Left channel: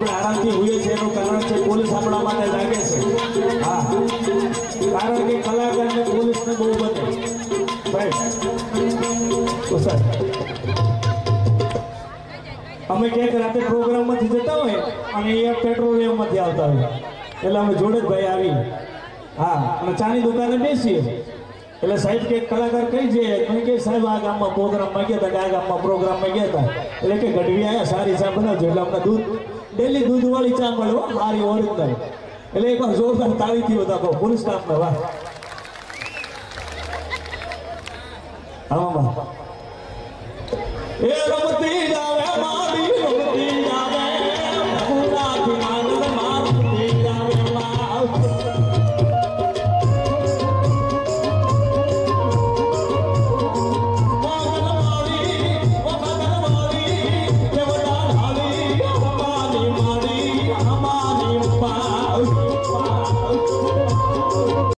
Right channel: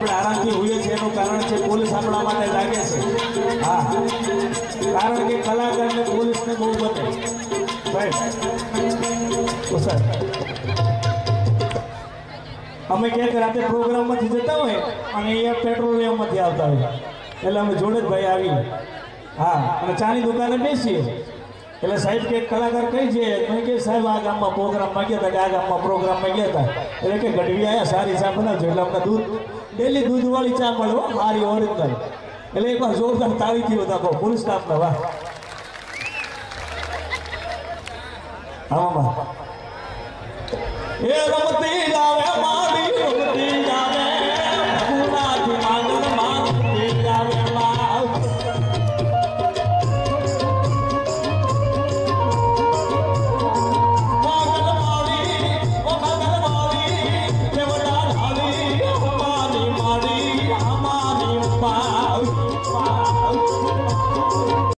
આરામથી હોય છે એનું કારણ છે પોલીસ આપણા માટે લાગે છે હા કારણ કે કલાકારને પોલીસને બહુ બને તો સર અમે ક્યાંક રાતે પ્રોગ્રામમાંથી જતા હોય અને અહીંયા પેટ્રોલિયમમાંથી આવતા હોય એટલે અમે જોડે જ ભાઈ આવી હા અને ચાની દુકાને બેસીએ એટલે સાહેબ કે કલાકાર કઈ છે મને કે સાહેબ આ ગામમાં પ્રોગ્રામમાં ગયા હતા કે આ ગામમાં પ્રોગ્રામમાં ગયા હતા એટલે કે ગઢવી આવ્યા સારી ચા બનાવજો એટલે અમને દૂધ ડેલી દૂધવાળી ચા મળે સારી ઓરિજિનલ એટલે એકવાર જોરદાર તાળીથી બધા કહો પોલીસ સ્ટાફને વાહ આમાં એ રમતી જાવે